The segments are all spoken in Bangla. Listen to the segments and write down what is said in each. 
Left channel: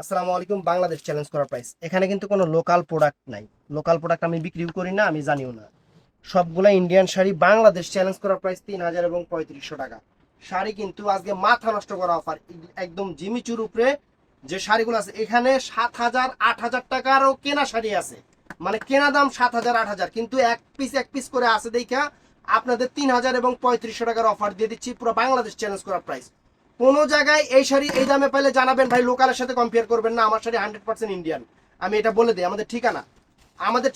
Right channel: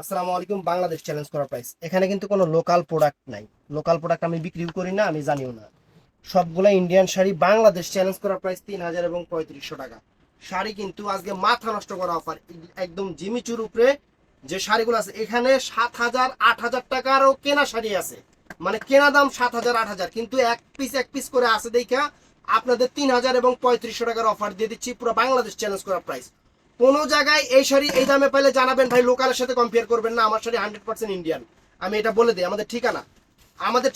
আসসালামু আলাইকুম। বাংলাদেশ চ্যালেঞ্জ করা প্রাইস। এখানে কিন্তু কোনো লোকাল প্রোডাক্ট নাই। লোকাল প্রোডাক্ট আমি বিক্রিও করি না, আমি জানিও না। সবগুলা ইন্ডিয়ান শাড়ি। বাংলাদেশ চ্যালেঞ্জ করা প্রাইস 3000 এবং 3500 টাকা। শাড়ি কিন্তু আজকে মাথা নষ্ট করা অফার, একদম জিমিচুর উপরে। যে শাড়িগুলো আছে এখানে 7000 8000 টাকারও কেনা শাড়ি আছে, মানে কেনা দাম 7000 8000, কিন্তু এক পিস করে আছে দেখা আপনাদের 3000 এবং 3500 টাকার অফার দিয়ে দিচ্ছি। পুরো বাংলাদেশ চ্যালেঞ্জ করা প্রাইস। কোন জায়গায় এই শাড়ি এই দামে পাইলে জানাবেন ভাই, লোকালের সাথে কম্পেয়ার করবেন না। আমার শাড়ি 100% ইন্ডিয়ান, আমি এটা বলে দিই। আমাদের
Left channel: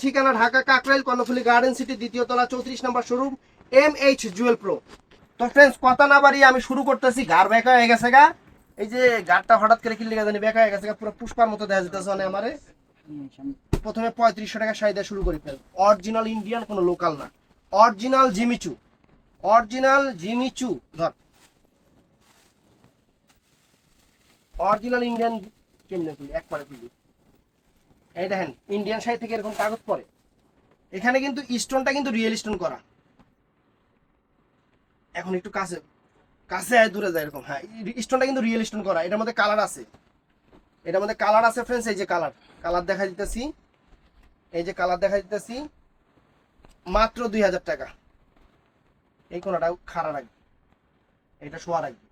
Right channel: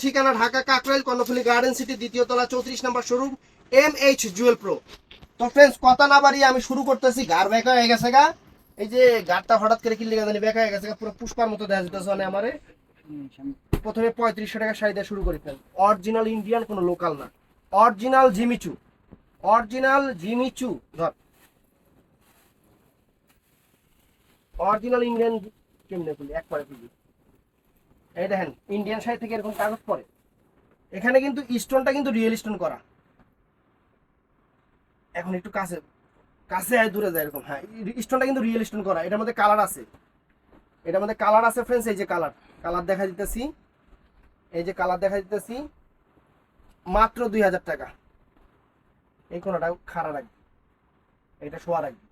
ঠিকানা ঢাকা কাকরাইল কর্ণফুলী গার্ডেন সিটি, দ্বিতীয় তলা, 34 নম্বর শোরুম, MH জুয়েল প্রো। তো ফ্রেন্ডস, কথা না বাড়িয়ে আমি শুরু করতেছি। গার বেঁকা হয়ে গেছে গা, এই যে গারটা হঠাৎ করে কিনলে জানি বেঁকা হয়ে গেছে গা, পুরো পুষ্পার মতো দেখা যেতেছে মানে আমারে। প্রথমে 3500 টাকা শাড়ি দিয়ে শুরু করি ফ্রেন্ডস। অরিজিনাল ইন্ডিয়ান, কোনো লোকাল না। অরিজিনাল জিমিচু, অরিজিনাল জিমিচু ধর, অরিজিনাল ইন্ডিয়ান। কেমনে খুলি, একবারে খুলি। এই দেখেন, ইন্ডিয়ান শাড়ি থেকে এরকম কাগজ পরে। এখানে কিন্তু স্টোনটা কিন্তু রিয়েল স্টোন করা। এখন একটু কাছে কাছে আয়, দূরে যায় এরকম। হ্যাঁ, স্টোনটা কিন্তু রিয়েল স্টোন করা। এটার মধ্যে কালার আছে, এটার মধ্যে কালার আছে ফ্রেন্ডস। এই যে কালার, কালার দেখা দিতেছি, এই যে কালার দেখা দিতেছি। মাত্র 2000 টাকা। এই কোনটা খাড়া রাখবে, এটা শোয়া রাখবে।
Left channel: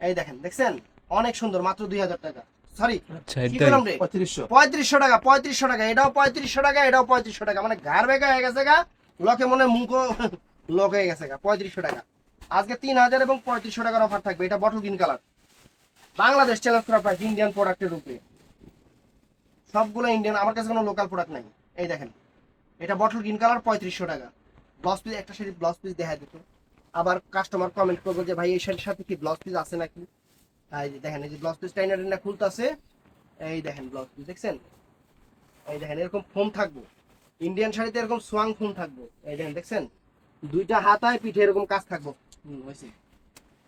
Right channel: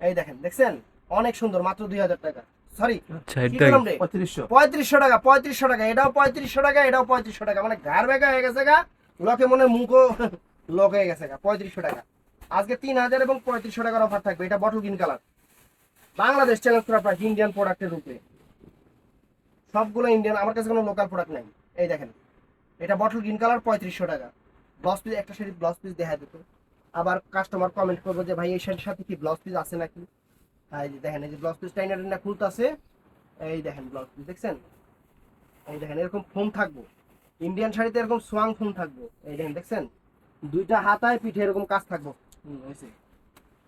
এই দেখেন, দেখছেন? অনেক সুন্দর, মাত্র 2000 টাকা। সরি, আচ্ছা কি এটাই। করলাম রে, 3500 টাকা। 3500 টাকা, এটাও 3500 টাকা, এটাও 3500 টাকা। মানে ঘাড় বেঁকা হয়ে গেছে গা, লোকে মনে মুখও লোক হয়ে গেছে গা। 3500 টাকা। আজকে 3000 এবং 3500 টাকার অফার থাকবে। এটা bottle green colour. Bangladesh challenge করা প্রাইস, ইন্ডিয়ান প্রোডাক্টের রূপে। সবগুলো ইন্ডিয়ান, আমার কাছে কোনো লোকাল প্রোডাক্ট নাই। এই দেখেন, এটা বটল গ্রিন কালার, 3500 টাকা। ব্লাউজ পিস, একটা শাড়ি ব্লাউজ পিস দেখা দিত। আবার কাস্টমার কমেন্ট করবো যে ভাই এই শাড়ির সাথে কি ব্লাউজ পিস আছে নাকি। এই যে দেখেন, এই যে ব্লাউজ পিস টাইনার না খুলতেছে। এই দেখেন ব্লাউজ পিস, দেখছেন? এই দেখেন, এরকম ফোম থাকবো। ইন্ডিয়ান শাড়িতে এরকম সোয়াং ফোম থাকবো। এই দেখেন, দেখছেন? দুইটা হাতায় পিঠে এরকম কাজ থাকবো। হয়েছে।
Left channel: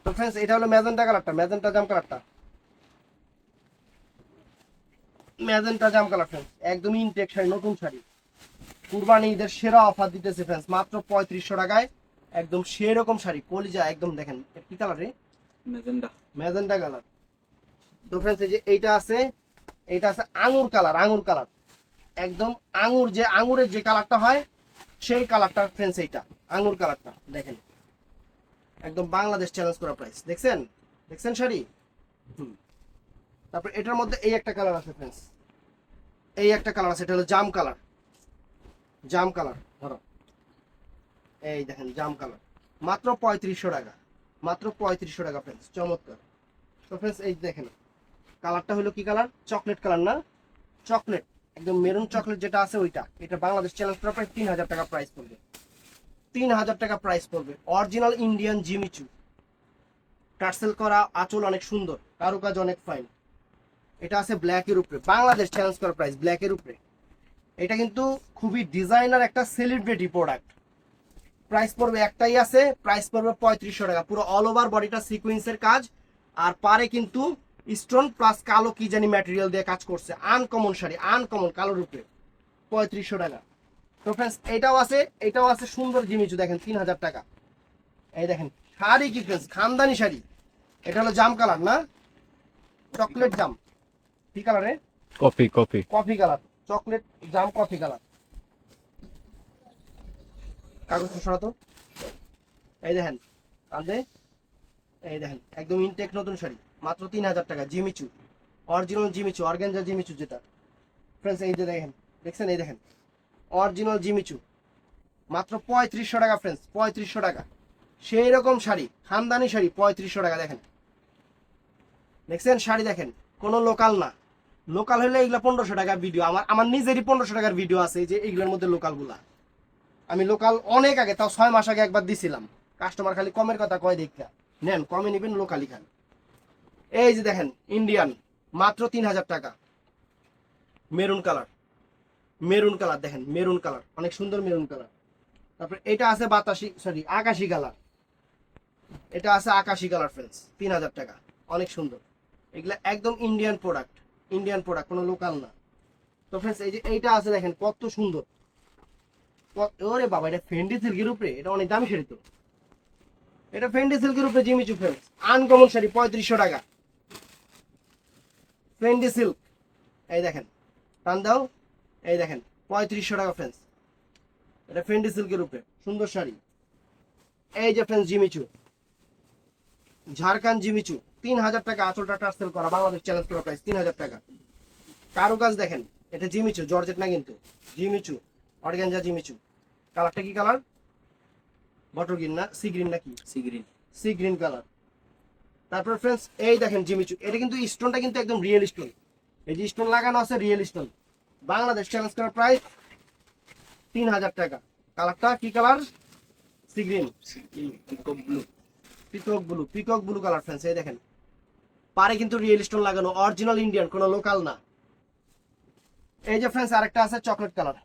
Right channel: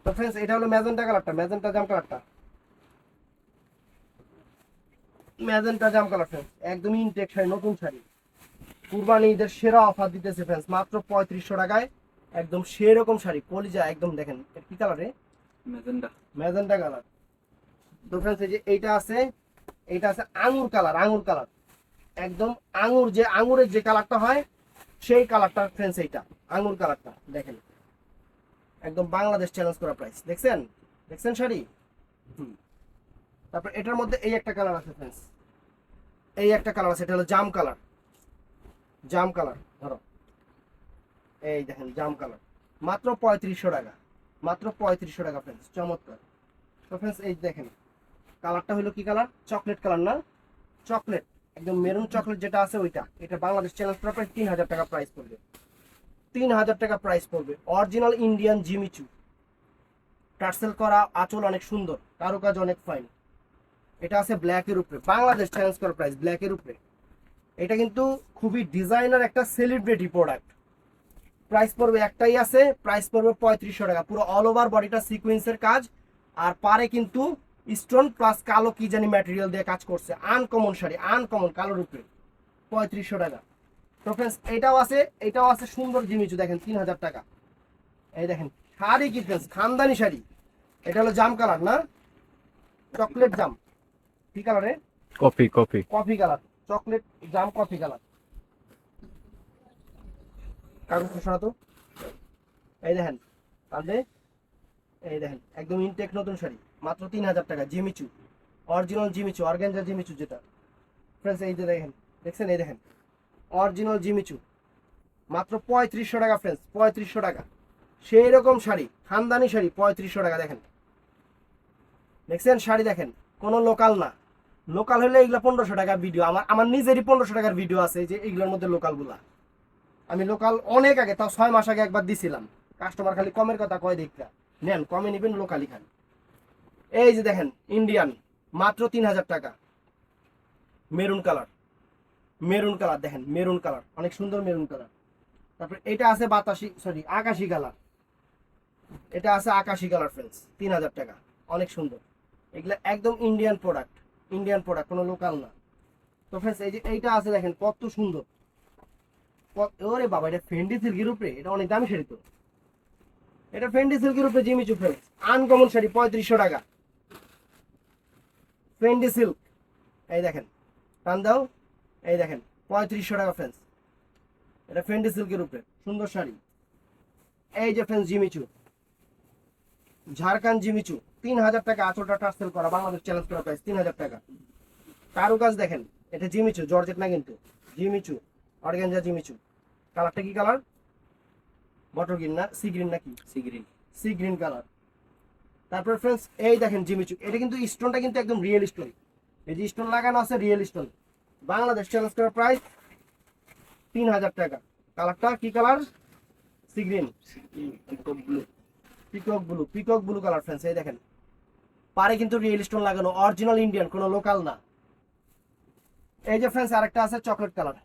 তো ফ্রেন্ডস, এটা হলো ম্যাজেন্টা কালারটা, ম্যাজেন্টা জাম কালারটা, ম্যাজেন্টা জাম কালার ফ্রেন্ডস। একদমই ইনটেক শাড়ি, নতুন শাড়ি। কুরবানি ঈদের সেরা অফার দিতেছে ফ্রেন্ডস, মাত্র 3500 টাকায়। একদম সেরকম শাড়ি, কলিজা একদম। দেখেন কি কালারে, মেজেন্ডা। Magenta colour. তো ফ্রেন্ডস, এই যে এইটা আছে, এইটা আছে আঙুর কালার, আঙুর কালার। একদম আঙুর, যে আঙুরের যে কালারটা হয় সেই কালারটা ফ্রেন্ডস। এইটা আঙুর কালারটা দেখেন, একদম বাংলাদেশ চ্যালেঞ্জ করা প্রাইস। দেখছেন? দেখছেন শাড়ি? হুম। তারপর এটার মধ্যে এই একটা কালার আছে ফ্রেন্ডস, এই একটা কালার আছে, এটা হলো জাম কালার। জাম কালার ধরো, এই দেখেন জাম কালার। মাত্র 3500 টাকা, মাত্র 3500 টাকা ফ্রেন্ডস। চমৎকার। তো ফ্রেন্ডস, এই দেখেন কালারটা হলো কি কালার, চকলেট কালার না, চকলেট, একদম মেরুন চকলেট যেটা আছে ওইটা। এটা বাংলাদেশ চ্যালেঞ্জ করা প্রাইস 3000 টাকা প্রাইস পড়বে। 3000 টাকা প্রাইস পড়বে। অরিজিনাল ইন্ডিয়ান জিমিচু, টার্সেল করা, আঁচল অনেক সুন্দর, কারুকাজ অনেক ফাইন। এটা আছে ব্ল্যাকের উপরে, বাংলাদেশ চ্যালেঞ্জ করা প্রাইস ব্ল্যাকের উপরে। এটা কিন্তু খুবই ডিজাইনার একটা সেলিব্রিটি প্রোডাক্ট। প্রাইস পড়বে, একটাই আছে, প্রাইস পড়বে 3500 টাকা। পুরো অল ওভার বডিটা সিকোয়েন্সের কাজ, আর পারে কিন্তু স্টোন প্লাস কালো কি জানি ম্যাটেরিয়াল দিয়ে কাজ করছে। আনকমন শাড়ি, আনকমন, কালোর উপরে 3500 টাকা। তো ফ্রেন্ডস, এটাও আছে, এটাও আছে সুন্দর জিনিস। দেখেন 3000 টাকা। এই দেখেন শাড়ি কি ফ্রেন্ডস, খানদানি শাড়ি। এটা হলো জাম কালার না, চকলেট জাম। কি কালারে, coffee coffee. Coffee colour, chocolate jam coffee colour. কাগজ সরাতো। এই দেখেন কাঁধে, এই দেখেন একদম ইনটেক নতুন শাড়ি, মাত্র 3000 টাকা। Jimmy Choo, original Jimmy Choo, organza Jimmy Choo যেটা ফ্রেন্ডস। এই যে দেখেন, দেখছেন? এই দেখেন অরিজিনাল জিমিচু, মাত্র 3500 টাকা ফ্রেন্ডস, 3500 টাকা। সেই রকম শাড়ি, খানদানি শাড়ি, 3500 টাকা। দেখেন, দেখছেন শাড়ি? দেখেন, কোনো লোকাল না। লোকাল হলে এগুলো 1500 টাকার ভিডিও। আমার আমার নিজেরই 1500 টাকার ভিডিও আছে, যে এইগুলোর মধ্যে লোকালগুলা। আমি লোকাল অনেক আগে, তাও 6 মাস আগে একবার দিছিলাম। কাস্টমার খালি কমের কথা কয়, দেখা নেন, কমে নেবেন, লোকালি খান। এই যে দেখেন ইন্ডিয়ান, মাত্র 3000 টাকা। মেরুন কালার, মেরুন কালার দেখেন, মেরুন কালার অনেক সুন্দর, মেরুন কালার। তারপর এটা আছে বাতাসি, সরি আকাশি কালার। এটা আছে আকাশি কালার ফ্রেন্ডস, 3000 টাকা। অনেক সুন্দর। এগুলা একদম ইন্ডিয়ান প্রোডাক্ট, ইন্ডিয়ান প্রোডাক্ট, কোনো লোকাল না। তো ফ্রেন্ডস, এই যে এইটা আছে দেখেন, কত সুন্দর। ওরে বাবা, এটা ফেন্ডি সিল্কের উপরে, এটা অনেক দামি শাড়ি তো। এটা ফেন্ডি সিল্কের উপরে জিমিচু ফ্রেন্ডস, আনকমন শাড়ি, 3500 টাকা। ফেন্ডি সিল্ক, এই দেখেন, টান দাও, এই দেখেন 3500 টাকা ফ্রেন্ডস। এটা ফেন্ডি সিল্কের উপরে সুন্দর শাড়ি। এই যে ফ্রেন্ডস জিমিচু, ঝাড়খান্ড জিমিচু, 3000 টাকা আঁচলটা টার্সেল করা, বাংলাদেশ চ্যালেঞ্জ করা প্রাইস 3000 টাকা। কারুকাজ দেখেন, এটা জিমিচু, জর্জেট না কিন্তু, জিমিচু অর্গানজা জিমিচু। কালারটা কি কালার? বটল গ্রিন না সি গ্রিন নাকি? Sea green. Sea green colour. তারপর ফ্রেন্ডস এই দেখেন জিমিচু, এটা কিন্তু স্টোনটা কিন্তু একদম রিয়েল স্টোন, এই যে স্টোন লাগানো আছে রিয়েল স্টোন। বাংলাদেশ চ্যালেঞ্জ করা প্রাইস 3000 টাকা। কালারটা কি colour? Sea green, peacock blue. Peacock blue colour friends. এই দেখেন পারে কিন্তু রিয়েল স্টোন লাগানো, অরিজিনাল ইন্ডিয়ান, কোনো লোকাল না। এই যে ফ্রেন্ডস আরেকটা আছে চকলেট কালার,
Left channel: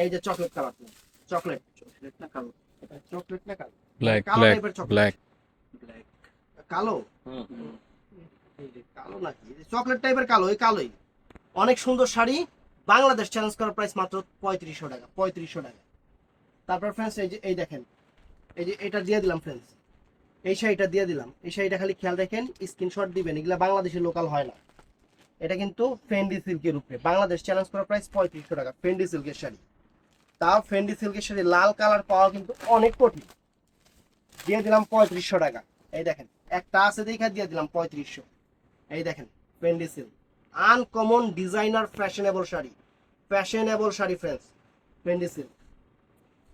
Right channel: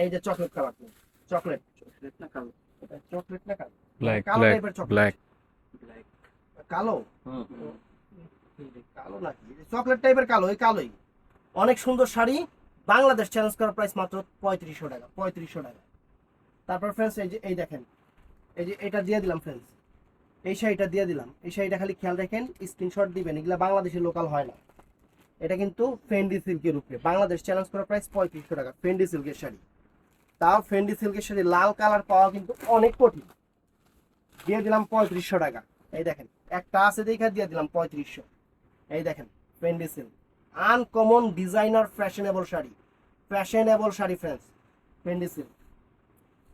এই যে চকলেট কালার, চকলেট চকলেট না কালো? চকলেট না কালো? ব্ল্যাক কালো ব্ল্যাক টাইপের চকলেট। ব্ল্যাক। ব্ল্যাক। কালো, হুম। এই যে কালো নাকি চকলেট টাইপের কালো, ওই কালোই। অনেক সুন্দর শাড়ি, বাংলাদেশ চ্যালেঞ্জ করার প্রাইস মাত্র 3500 টাকা, 3500 টাকা। তারপর ফ্রেন্ডস এই যে এই দেখেন, এই যে এটা দিয়ে দিলাম ফ্রেন্ডস, এই শাড়িটা দিয়ে দিলাম। এই শাড়িটা খালি খেয়াল রাখেন, স্ক্রিনশট দিবেন, এগুলা বাংলাদেশের লোকাল হয় না। এটা কিন্তু ফেন্ডি সিল্কের উপরে, বাংলাদেশ চ্যালেঞ্জ করার প্রাইস 3500 টাকা, ফেন্ডি সিল্কের শাড়ি। তাও ফেন্ডি সিল্কের শাড়ি লাল কালার পাওয়া কিন্তু অনেক কঠিন। দিয়ে দিলাম 3500 টাকা। এই দেখেন একটা আছে দেখে দিয়ে দিলাম 3500। এই দেখেন Fendi silk, uncommon designer fashionable sari, fashionable sari friends, Fendi silk.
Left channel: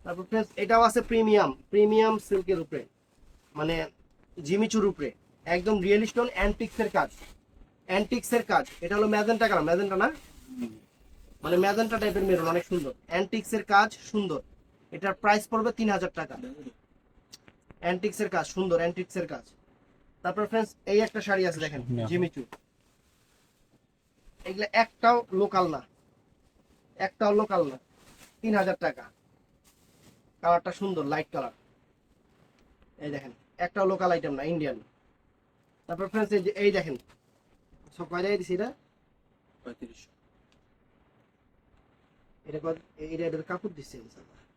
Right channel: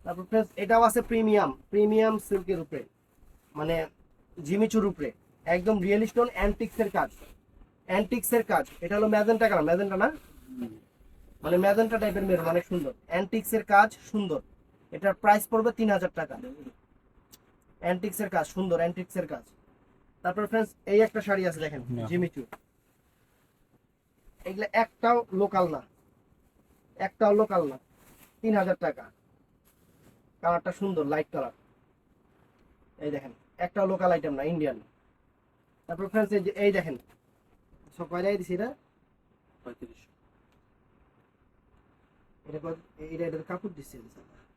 তারপর ফ্রেন্ডস এটাও আছে প্রিমিয়াম, প্রিমিয়াম সিল্কের উপরে, মানে জিমিচুর উপরে, একদম রিয়েল স্টোন অ্যান্টিক্সের কাজ, অ্যান্টিক্সের কাজ। এটা হলো ম্যাজেন্টা কালার, ম্যাজেন্টা না মানে ম্যাজেন্টা টাইপের মেরুন, অনেক সুন্দর, অ্যান্টিক্সের কাজ সুন্দর। এটার প্রাইস পড়বে 3000 টাকা। অ্যান্টিক্সের কাজ সুন্দর, অ্যান্টিক্সের কাজ। তারপর ফ্রেন্ডস এই একটা শাড়ি আছে দেখেন জিমিচু, এগুলা একটাও লোকাল না, একটাও লোকাল না, 3000 টাকা। কালারটা সুন্দর, লাইট কালার। এই দেখেন একটাও লোকাল আইটেম না, ইন্ডিয়ান। তারপর ফ্রেন্ডস এই যে এই দেখেন, সব কয় জায়গায় দিছি এটা, 3500। এটা এটার কাপড় দিচ্ছে,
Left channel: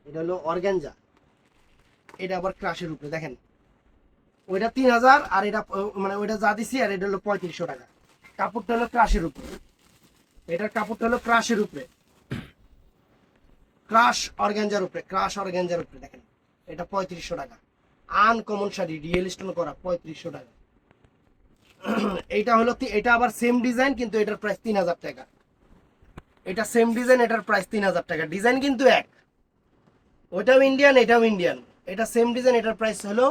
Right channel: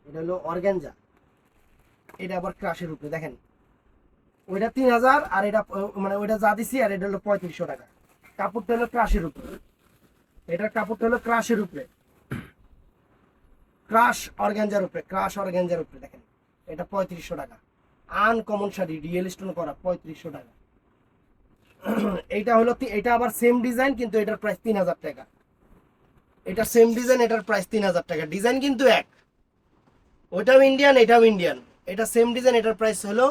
এটা হলো অর্গানজা, এটা আবার ক্রাশের উপরে দেখেন। ওইটা 3000 আর এটা মানে ওইটা যা দিছি, আর এটা হলো 3500 টাকা। কাপড়টা হলো ক্রাশের উপরে, এটার কাপড়টা হলো ক্রাশের উপরে, ক্রাশ অর্গানজার উপরে, ক্রাশ অর্গানজার উপরে দেখেন। এটা 3500 টাকা, আনকমন শাড়ি, রিয়েল স্টোন করা, 3500 টাকা। এইটা হলো এটা আবার সেম ডিজাইন, কিন্তু এটার প্রাইস 3000 টাকা। এটা সেম ডিজাইন, এটার প্রাইস 3000 টাকা। ডিজাইন কিন্তু এক, ওইটাও ইন্ডিয়ান এটাও ইন্ডিয়ান। এটা সেম ডিজাইন, এটার প্রাইস হলো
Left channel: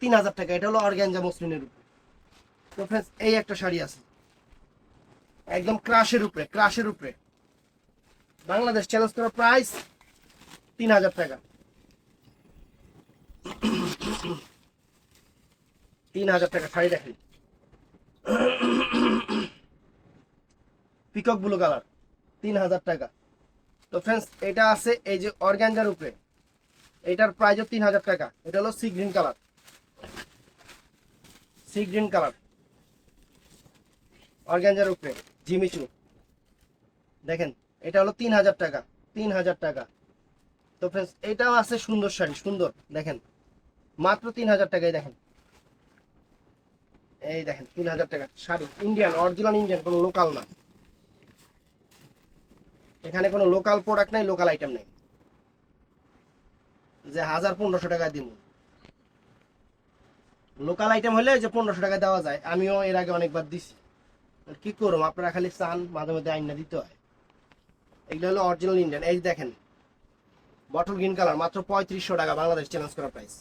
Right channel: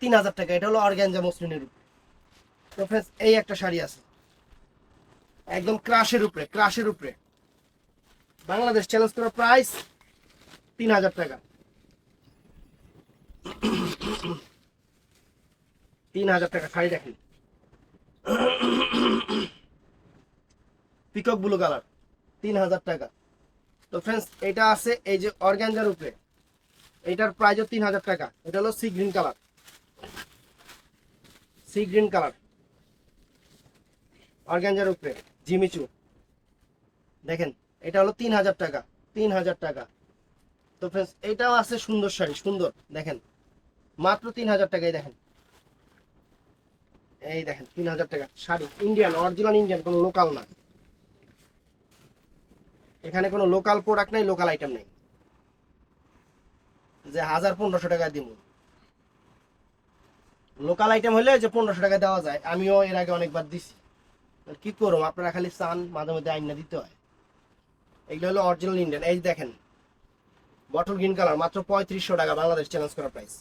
3000 টাকা। এটা হলো অর্গানজা মসলিনের উপর। তো ফ্রেন্ডস এই একটা শাড়ি আছে একদম ক্রাশের উপরে, ক্রাশের উপরে, বাংলাদেশ চ্যালেঞ্জ করার প্রাইস 3000 টাকা, 3000 টাকা শাড়ি দেখেন। পিকক ব্লু কালার, 3000 টাকা। তো ফ্রেন্ডস এটা আছে এই যে অর্গানজার উপরে, এটার প্রাইসও 3000 টাকা। এটা হলো sea green colour, sea green colour organza উপরে জিমিচু দেখেন। এটা হলো 3000 টাকা, 3000 টাকা। তো ফ্রেন্ডস এটাও আছে সুন্দর শাড়ি, সুন্দর দেখেন, মাত্র 3000 টাকায় দেখেন। এই দেখেন 3000 টাকা শাড়ি, ইন্ডিয়ান, অরিজিনাল ইন্ডিয়ান, কোনো লোকাল না। এখানে কোনো লোকাল প্রোডাক্ট নাই, লোকাল আইটেম নেই যে 1000-1500 টাকা দিন। লোকাল আইটেম হলে যে 1500 টাকা দেওয়া যায়, আমিও এর আগে অনেকবার দিছি। কি করব, আপনারা খালি চান, মাঝে মধ্যে আইনা দিতে হয়। এগুলো হলো অরিজিনাল ইন্ডিয়ান। এই দেখেন বটল গ্রিন কালার, মাত্র 3500 টাকা, বাংলাদেশ চ্যালেঞ্জ করা প্রাইস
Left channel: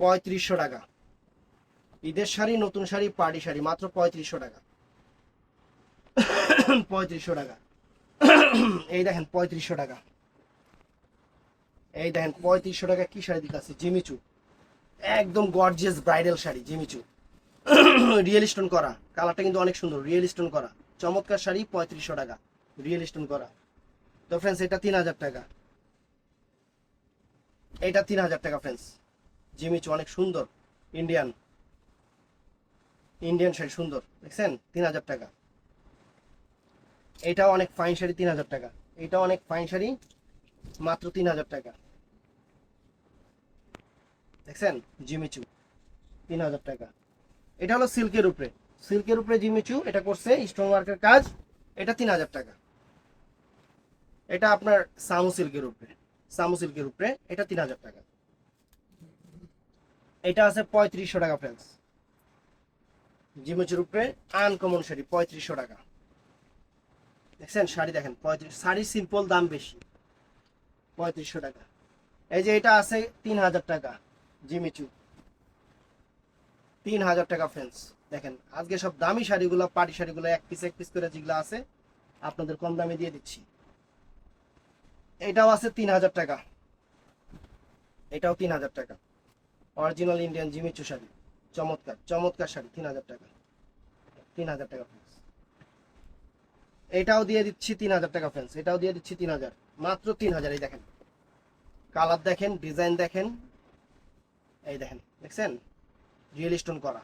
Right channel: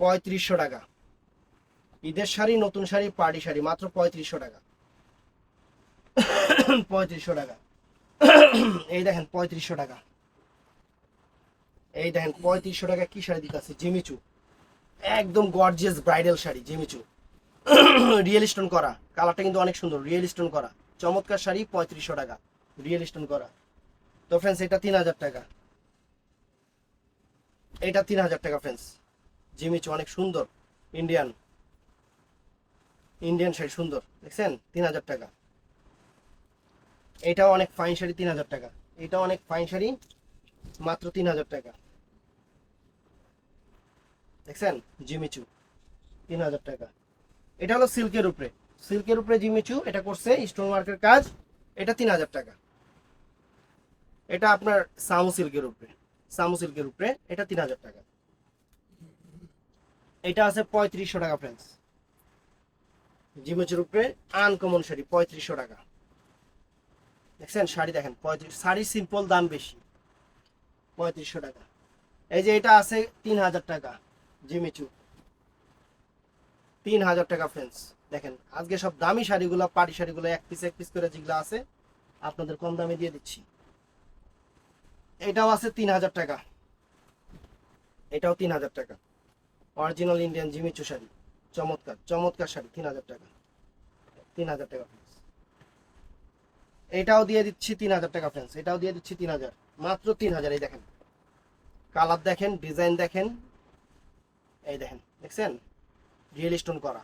3500 টাকা। ঈদের শাড়ি, নতুন শাড়ি, পার্টি শাড়ি, মাত্র 3500 টাকা, 3500 টাকা। এই দেখেন 3500 টাকা, এই দেখেন 3500 টাকা কি শাড়ি দিতেছে, জিমিচু, একদম gorgeous bridal sari, Jimmy Choo real stone করা। কালারটা কিন্তু অনেক সুন্দর, রিয়েল স্টোন করা, চমৎকার শাড়ি, 3500 টাকা, রিয়েল স্টোন করা। তো ফ্রেন্ডস এটা 3000 টাকা, এটা 3000 টাকা ফ্রেন্ডস। জিমিচু অনেক সুন্দর, ইন্ডিয়ান, ইন্ডিয়ান শাড়ি সুন্দর, দেখছেন 3000 টাকা। এইটাও অনেক ফাইন শাড়ি, 3000 টাকা। এইটাও অনেক ফাইন শাড়ি, মাত্র 3000 টাকা, দেখছেন জিমিচু 3000 টাকা। এটা হলো সিল্কের উপরে, সিল্কের উপরে জিমিচু, এটা করছে স্টোন ওয়ার্কের কাজ, এটা 3000 টাকা। এটা আপনার সামু সিল্কের উপরে, সামু সিল্কের উপরে, এটা 3000 টাকা। এটা আছে 3500 টাকা ফ্রেন্ডস, জিমিচুর উপরে আনকমন শাড়ি 3500 টাকা। দেখছেন শাড়ি দেখেন 35, শাড়ি সিম্পল দাম বেশি, 3500 টাকা। এই যে এটা আছে 3000 টাকা জিমিচু, 3000 টাকা ফ্রেন্ডস। দেখেন আজকে সব দামি শাড়িগুলো, পার্টি শাড়িগুলো এক পিস করে যেগুলো আছে আপনাদের কম দামে দিয়ে দিচ্ছি। এটাও আছে 3000 টাকা, এটাও 3000 টাকা, অরিজিনাল ইন্ডিয়ান জিমিচু শাড়ি, চমৎকার চমৎকার শাড়ি, 3000 টাকা, 3000 টাকা ফ্রেন্ডস। এটাও দিয়ে দিচ্ছি 3000 টাকা ফ্রেন্ডস, এটাও দিয়ে দিচ্ছি 3000, মাত্র 3000। এই দেখেন কালার দেখেন, ডিজাইন দেখেন, এই দেখেন দেখছেন রিয়েল স্টোন করা।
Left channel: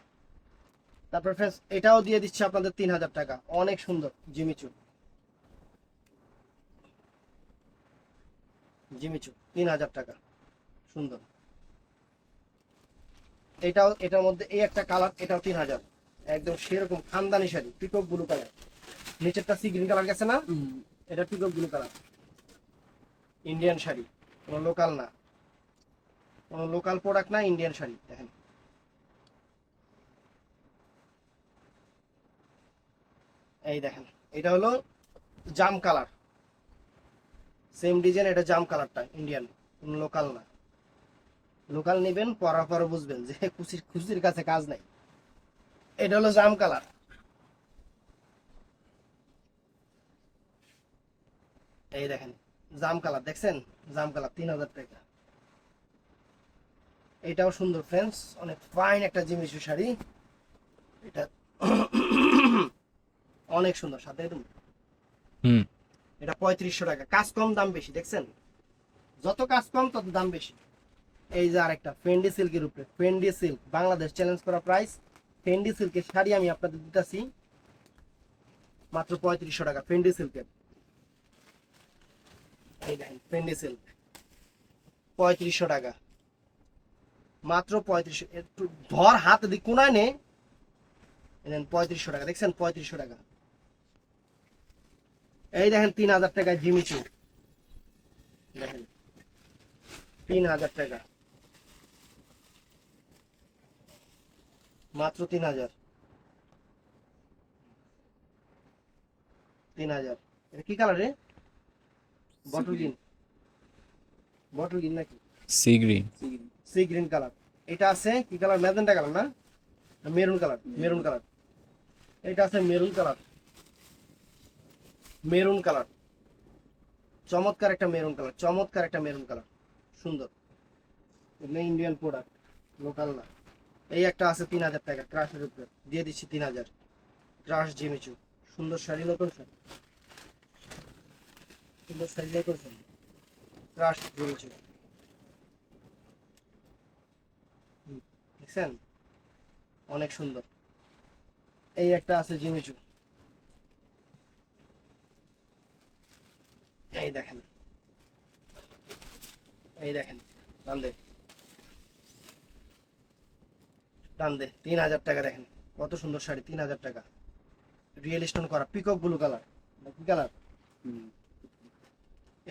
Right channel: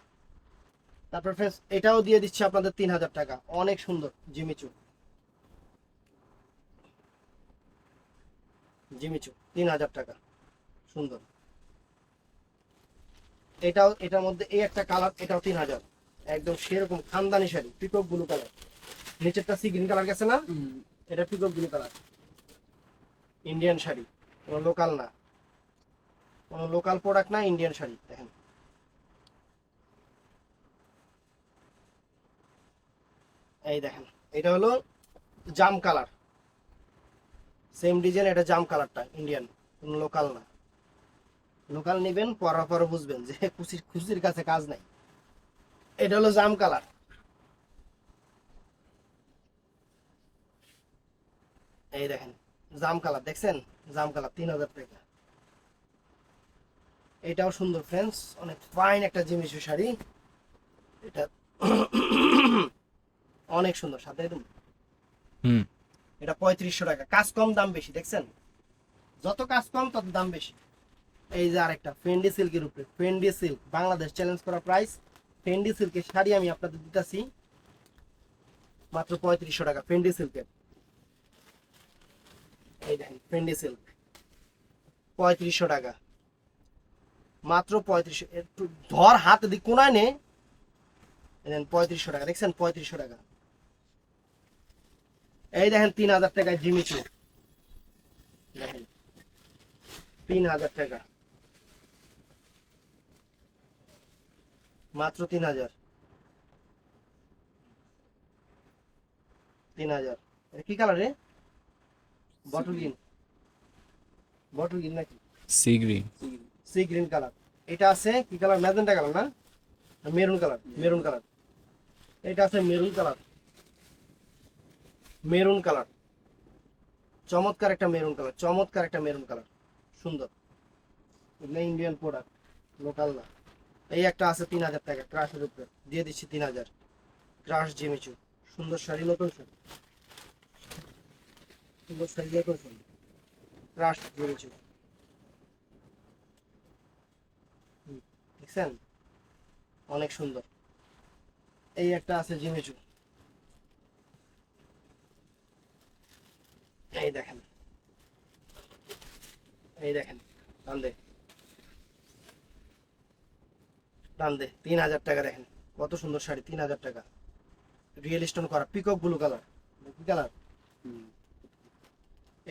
তারপর ফ্রেন্ডস এটাও দিয়ে দিচ্ছি আপনাদের 3000 টাকা, অনেক সুন্দর জিমিচু, জিমিচু 3000 টাকা, সুন্দর। এটাও, এটার মধ্যে এই একটা কালার, এটাও 3000, একদম সেরকম খানদানি শাড়ি, পিকক ব্লু কালার, নিচেরটা সি গ্রিন কালার গেছে না, এটা peacock blue colour, Indian sari, কোনো লোকাল না, কোনো লোকাল প্রোডাক্ট না, ইন্ডিয়ান শাড়ি। দেখেন এই দেখেন, এটা হলো জাম কালার, সেম ডিজাইন, এটা জাম কালারটা ইন্ডিয়ান, কোনো লোকাল না। লোকাল নেবেন পরার পরে বুঝবেন যে খুশির কাছে কাজ নাই। এটা হলো জাম কালার, এই দেখেন জাম কালার, দেখছেন জাম কালার, 3000 টাকা। এটাও সুন্দর ফ্রেন্ডস, অনেক ফাইন একটা জিমিচু শাড়ি, এটা অনেক সুন্দর, সাথে একদম। এটা 3500 টাকা, কাজ কম দাম বেশি, দেখছেন যত কাজ কম তত দাম বেশি। এই যে আরেকটা ফেন্ডি সিল্কের উপরে, ফেন্ডি সিল্ক বাংলাদেশ চ্যালেঞ্জ করা প্রাইস, ফেন্ডি সিল্কের শাড়ি আমি আপনাদের দিতেছি মাত্র 3500 টাকা, ফেন্ডি সিল্কের। এই দেখেন ফেন্ডি সিল্ক 3500 টাকা, মাত্র 3500, একটু ধর হাত দিক কোনায় নে, 3500 টাকা, দেখছেন 3500 টাকা। এই দেখেন 3000 টাকা জিমিচু, দেখেন 3000 টাকা, মাত্র 3000, 3000। এটা কি কালার রে? বটল গ্রিন, বটল গ্রিন নাকি sea green. Sea green colour. এটা আছে কি কালার? ম্যাজেন্টা কালার না, মেরুন কালার, মেরুন কালার। এটা আছে মেরুন কালার, মেরুন কালার, চমৎকার একটা মেরুন কালার, চমৎকার একটা মেরুন কালার, সুন্দর। ইন্ডিয়ান প্রোডাক্ট, লোকাল না। এই একটা আছে 3000 টাকা, ক্রাশের উপরে দিয়ে দিচ্ছি 3000, ক্রাশ জিমিচু, সুন্দর শাড়ি, নতুন শাড়ি, সুন্দর শাড়ি, নতুন শাড়ি, ক্রাশ জিমিচু, দেখছেন অনেক সুন্দর। এই একটা আছে জিমিচু, এই দেখেন, এই দেখেন টান দে, টান দে, 3000 টাকা। দেখেন কত সুন্দর শাড়ি, 3000 টাকা, রিয়েল স্টোন করা, পিকক ব্লু কালার, কি কালার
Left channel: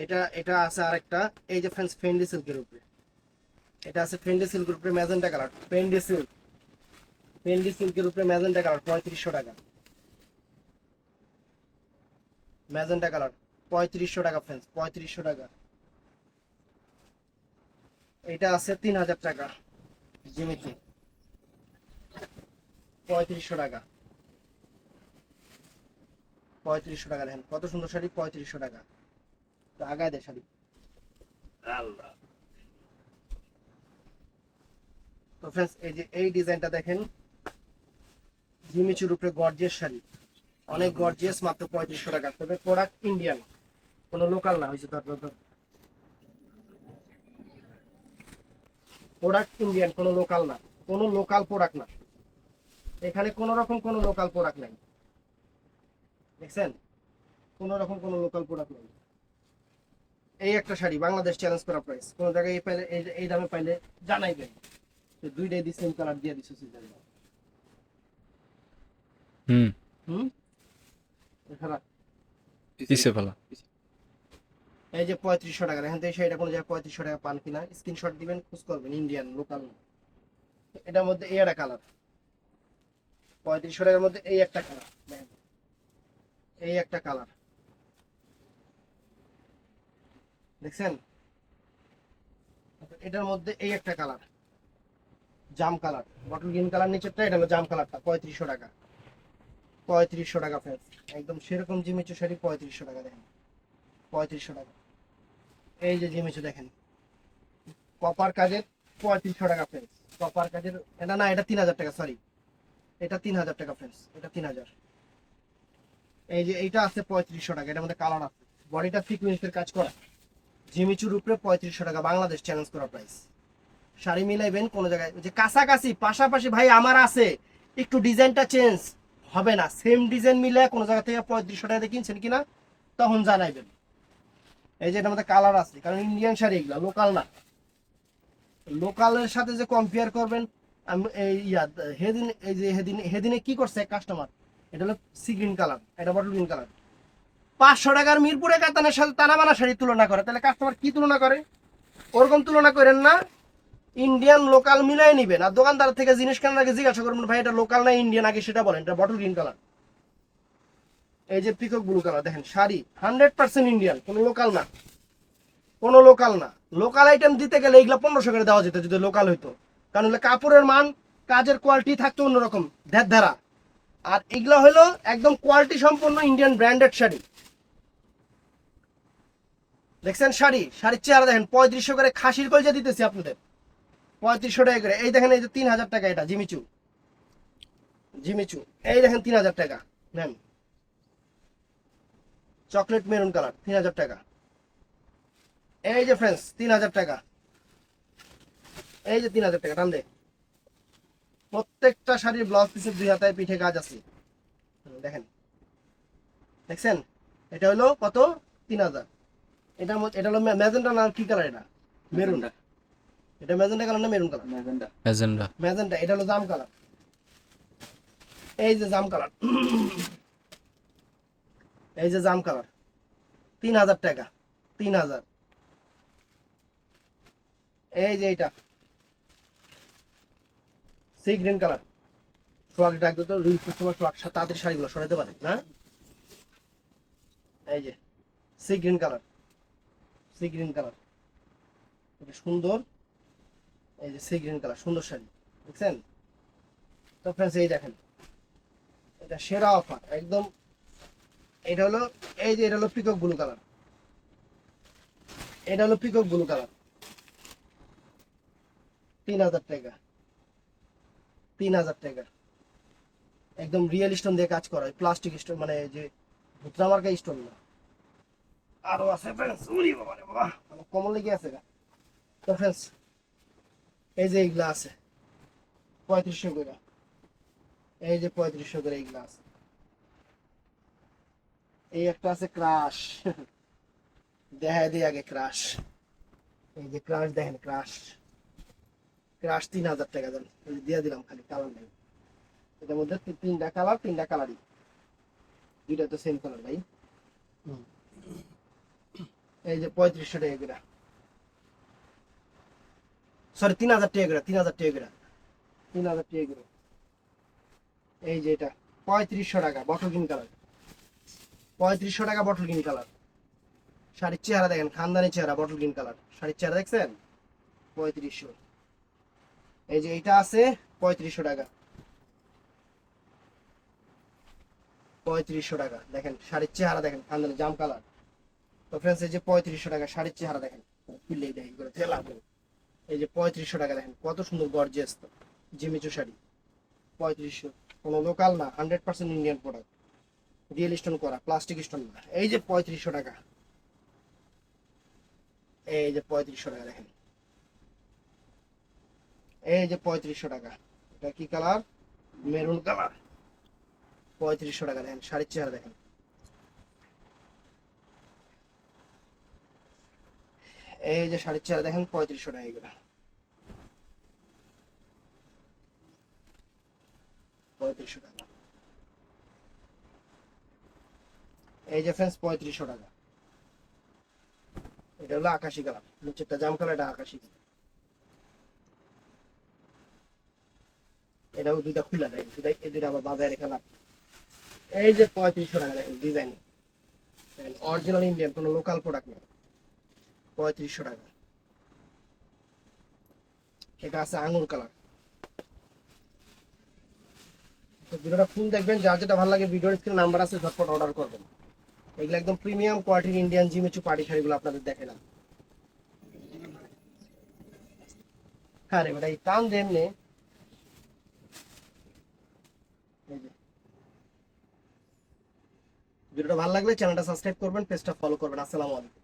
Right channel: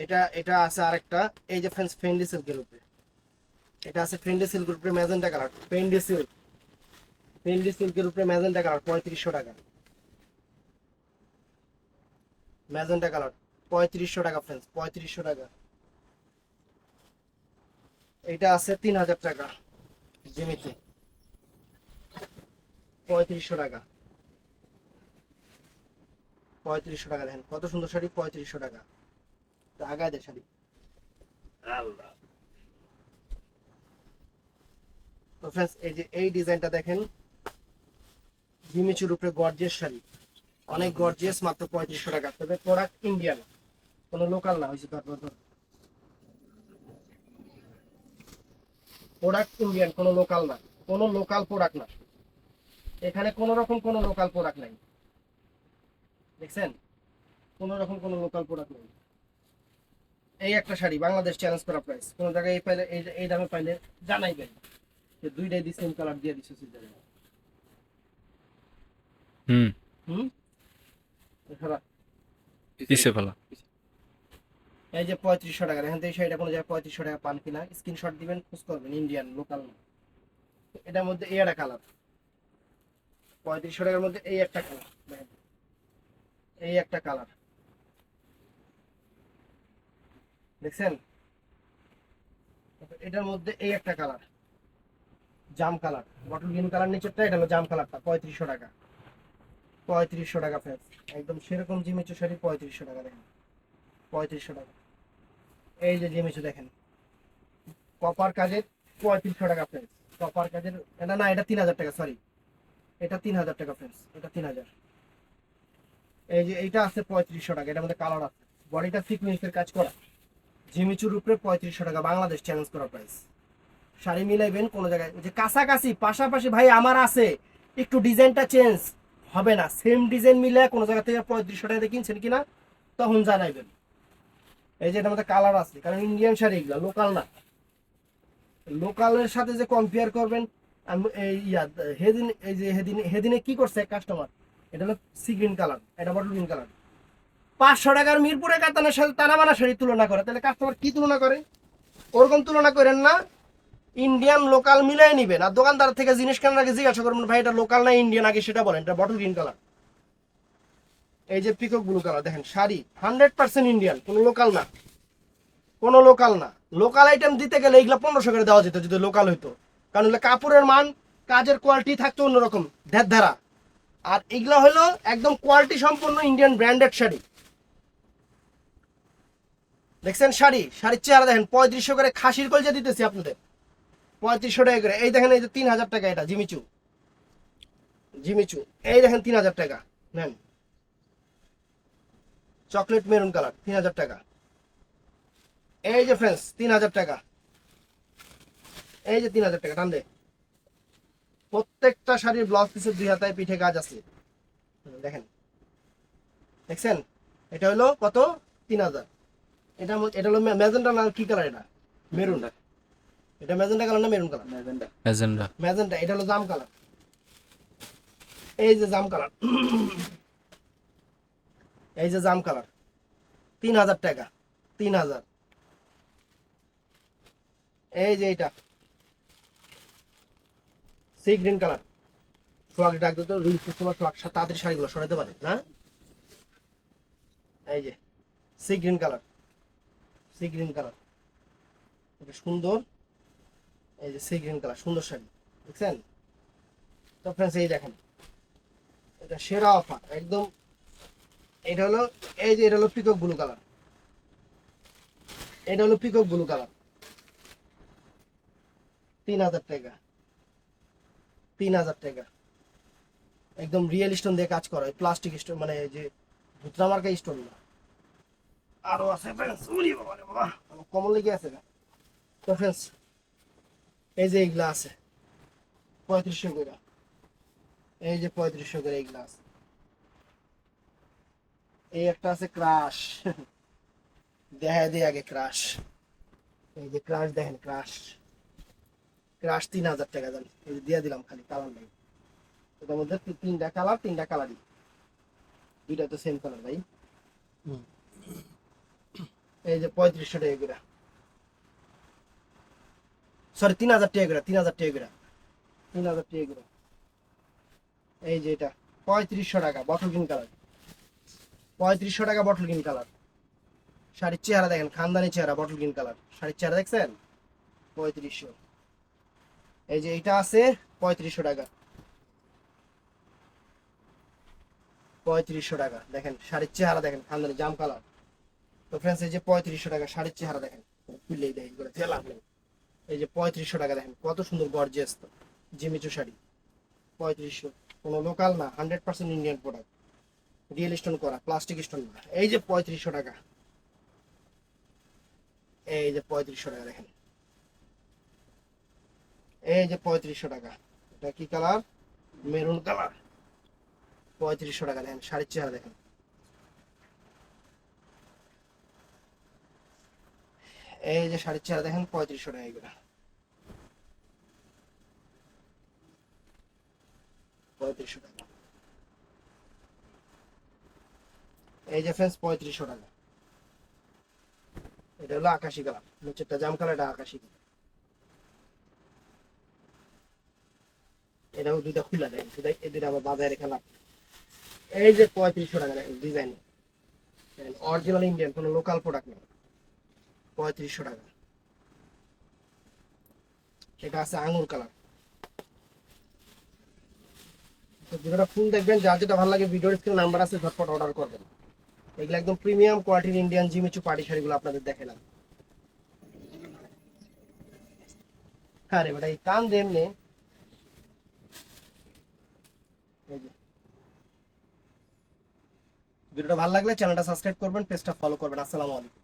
এটা? এটা আছে আরেকটা, এই যে ফ্রেন্ডস ফেন্ডি সিল্কের উপরে, এটা আছে ফেন্ডি সিল্কের উপরে magenta colour, Fendi silk, Fendi সিল্কের উপরে ম্যাজেন্টা কালার 3500 টাকা, ম্যাজেন্টা কালার 3500 টাকা ফ্রেন্ডস, 3500 টাকা। এটা আছে 3000 টাকা জিমিচু, 3500 টাকা, 3500 টাকা। দেখেন কত সুন্দর শাড়ি, 3500 টাকা। তো আগায় দে শাড়ি, আল্লাহ। তো ফ্রেন্ডস এই যে এই ডিজাইনটা দেখেন, জিমিচুর উপরে গর্জিয়াস শাড়ি, অনেক গর্জিয়াস, মাত্র 3500 টাকা। তবে প্রোডাক্ট ইন্ডিয়ান, কোনো লোকাল না, হয়েছে তারপর প্রোডাক্ট ইন্ডিয়ান, কোনো লোকাল না, কোনো লোকাল প্রোডাক্ট না, এখানে কোনো রকম কোনো লোকাল প্রোডাক্ট নাই, দেখছেন কোনো রকম কোনো লোকাল প্রোডাক্ট নাই। এই একটা শাড়ি বাংলাদেশ চ্যালেঞ্জ করা প্রাইস, কোনো জায়গায় এই পাইলে, এই দামে পাইলে জানাই দেন, দুইটাই দি সেম কালার দিয়ে দিচ্ছে, হুম হুম ফেলা। পিছে ফেলা। এই যে 3500 টাকা, দেখেন তো এই শাড়িটা কোনো জায়গায় 3500 টাকা পান কিনা, স্ক্রিনশট দিবেন, খোঁজ করবেন, ইন্ডিয়ান লোকাল। এটার মধ্যে এই একটা কালার, 3500 টাকার মধ্যে এই একটা কালার, দেখেন এই একটা কালার, দেখছেন? এটার মধ্যে এই একটা কালার, জাম কালার, বটল গ্রিন কালার নিচেরটা, এটা হলো জাম কালারটা, 3500 টাকা। 3500 টাকা ফ্রেন্ডস, একদম সেরকম জিমিচু শাড়ি 3500 টাকা, দেখেন 3500 টাকা। এই যে জিমিচু দেখেন, কপার কাজের, 3500 টাকা ফ্রেন্ডস, কপার কাজের। এটা না, এটা 3000 টাকা, সরি, এটা 3000 টাকা ফ্রেন্ডস, এটা 3000। এই যে এইটা আছে 3500 টাকা, এটার মধ্যে কালার আছে, বডিটা সিকোয়েন্সের কাজ করা, জিমিচুর উপরে 3500 টাকা, বাংলাদেশ চ্যালেঞ্জ করা প্রাইস। শাড়ি মিলাইবেন কোনো জায়গায়, ওই যে কাছাকাছি পাশাপাশি ভাই আমার আছে, একটু ডিজাইনটা চেঞ্জ হবে না, সেম ডিজাইন মিলে কোনো জায়গা থেকে 3500 টাকা দিয়ে কিনছেন কিনা তখন জানাইবেন। এই যে এটার মধ্যে কালার আছে, কারণ ইন্ডিয়ান শাড়ি এগুলো লোকাল না, লোকালের সাথে যে কম্পেয়ার করবেন। আমি এই হেদিন, এই যে হেদিনে কি করছে কাস্টমার, এটা হলো সি গ্রিন কালার, এটা বটল গ্রিন কালার, 500 টাকার মিরপুরে কাতানের সাথে তানাবানা শাড়ি তুলনা করে, তাহলে কাস্টমার কি তুলনা করে? ওরকম তুলনা করেন না, ইন্ডিয়ান লোকাল মিলাই নিবেন। আর দোকানদার থেকে জিনিস কেনার আগে জিজ্ঞাসা করবেন, ভাই এটা লোকাল না ইন্ডিয়ান, আগে সেটা বলেন। এটা বটল গ্রিন কালার, এই যে পিকক ব্লু কালার, দেখেন শাড়ি 100% ইন্ডিয়ান, কোনো লোকাল না, কোনো লোকাল না। লোকাল আইটেম দিতে গেলে এগুলা 1500 করে দেওয়া যেত যদি লোকাল হইতো, কারণ হলো কাপড়ের মান, কাজের কোয়ালিটি থাকতো অন্যরকম ধারা। আর এগুলা হলো একদম কোয়ালিটি সম্পন্ন ইন্ডিয়ান ব্র্যান্ডেড শাড়ি। দেখছেন শাড়ির চেহারা দেখেন, 3500 করে খাসির কলজা দিতেছি আপনাদের, 3500 টাকা করে। এই দেখেন, এই যে 3000 টাকা, এটা জিমিচু, জিমিচু, এই দেখেন 3000 টাকা নেন, চকলেট মেরুন কালার 3000 টাকা। এই যে ফ্রেন্ডস 3000 টাকা, এই যে 3000 টাকা, টান দে। প্রত্যেকটা শাড়ির ব্লাউজ পিসের 2 হাতায় পিঠে কাজ আছে, দেখেন, দেখছেন? এটা হলো কত? 3000। এটা হলো ম্যাজেন্টা না কি কালার, এটা মেরুন, এটা ম্যাজেন্টা কালার না maroon colour? Magenta. Agenda. Magenta. এটা হলো জাম কালার, এই যে জাম কালার, এই যে জাম কালার, 3000 টাকা, 3000। এই যে এটা সি গ্রিন কালার, ফ্লগ ডাক দিত রিল কাস্টমার, ফ্লগ তাদের শাড়িগুলো সরাতে পারে না। এই যে sea green colour, sea green colour, এটা সুন্দর, এই যে সি গ্রিন কালার, সুন্দর শাড়ি, দেখছেন? তো ফ্রেন্ডস এই দেখেন, এটা সেরা অফার একদম। এটা হলো, এই যে এটা হলো পিকক ব্লু কালার, এটা হলো পিকক ব্লু কালার, 3000 টাকা, 3000 টাকা, একদম রিয়েল স্টোন দিয়ে কাজ করা, প্লাস্টিক স্টোন, মানে এই যে ভুতরা মার্কা স্টোন না। আরো আছে ফ্রেন্ডস, উরি বাবা রে বাবা, মানে কমন লেগে আছে গা। তো ফ্রেন্ডস এই যে এইগুলা আছে 3500 করে, এই যে 3500 করে এইগুলা আছে। এই একটা আছে ক্রাশ, দেখা দিই আগে ক্রাশ, এই যে ক্রাশ দেখেন, ক্রাশ, ক্রাশ 3000 টাকা দেন, এই যে দিয়ে দিলাম, খালি কালার নাই। এটার মধ্যে তিনটা কালার, তিনটা কালারই, দুইটা তো সেম কালার ভাই। এই যে 3500 টাকা করে, সরি 3000 টাকা করে, 3000 টাকা করে, 3000 টাকা করে। এই যে এটা 3500 টাকা, বটল গ্রিন কালার, 3500 টাকা বটল গ্রিন কালার। শাড়ির চেহারা দেখেন, খানদানি চেহারা, বটল গ্রিন কালার শাড়ির চেহারা, দেখছেন? 3500। এই যে এটা আছে 3500 টাকা, 3500 টাকা, দেখেন শাড়ির চেহারা দেখেন, খানদানি জাম কালার। তো ফ্রেন্ডস এই যে 3500 টাকা শাড়ির চেহারা দেখেন, খুললেই দেখেন করে ফেলা। এই যে 3500 টাকা, দেখেন কত সুন্দর গর্জিয়াস জিমিচু শাড়ি, 3500, কোনো লোকাল না, 100% ইন্ডিয়ান প্রোডাক্ট, রিয়েল স্টোন করা, প্লাস্টিক স্টোন না। এই যে 3500 টাকা, এই যে 3500 টাকা দেখেন, এই যে 3500 টাকা, এটা কি কালার? মেরুন কালার, 3500 টাকা, দেখেন শাড়ির চেহারা দেখেন। এই যে শাড়ির চেহারা দেখেন, 3500 টাকা এগুলো, 3500 টাকা। এই যে ফ্রেন্ডস 3500 টাকা। এটা হলো আকাশি কালার, নিচেরটা জাম কালার, এটা আকাশি কালার। এটাও দুইটা খুলে দেয়, এই দুইটা আবার বাজারে রেখে লাভ। এই যে 3500 টাকা ডিজাইন, অরিজিনাল ইন্ডিয়ান, কোনো লোকাল প্রোডাক্ট না। 3500 টাকা। এটা আছে আঙুর কালার। তো ভিডিওটা ফুল দেখবেন, যার যেটা ভালো লাগে ভিডিওর স্ক্রিনে নাম্বার আছে, ঝটপট অর্ডার করবেন। এগুলো একদম প্রিমিয়াম কোয়ালিটির ইন্ডিয়ান জিমিচু পার্টি শাড়িগুলো আপনাদের দেখালাম। হ্যাঁ রে বেটা, এই কান দেন নে। এই যে। ভিডিওটা ভালো লাগলে চ্যানেলটা সাবস্ক্রাইব করবেন, পেজটা ফলো করবেন। আসসালামু আলাইকুম।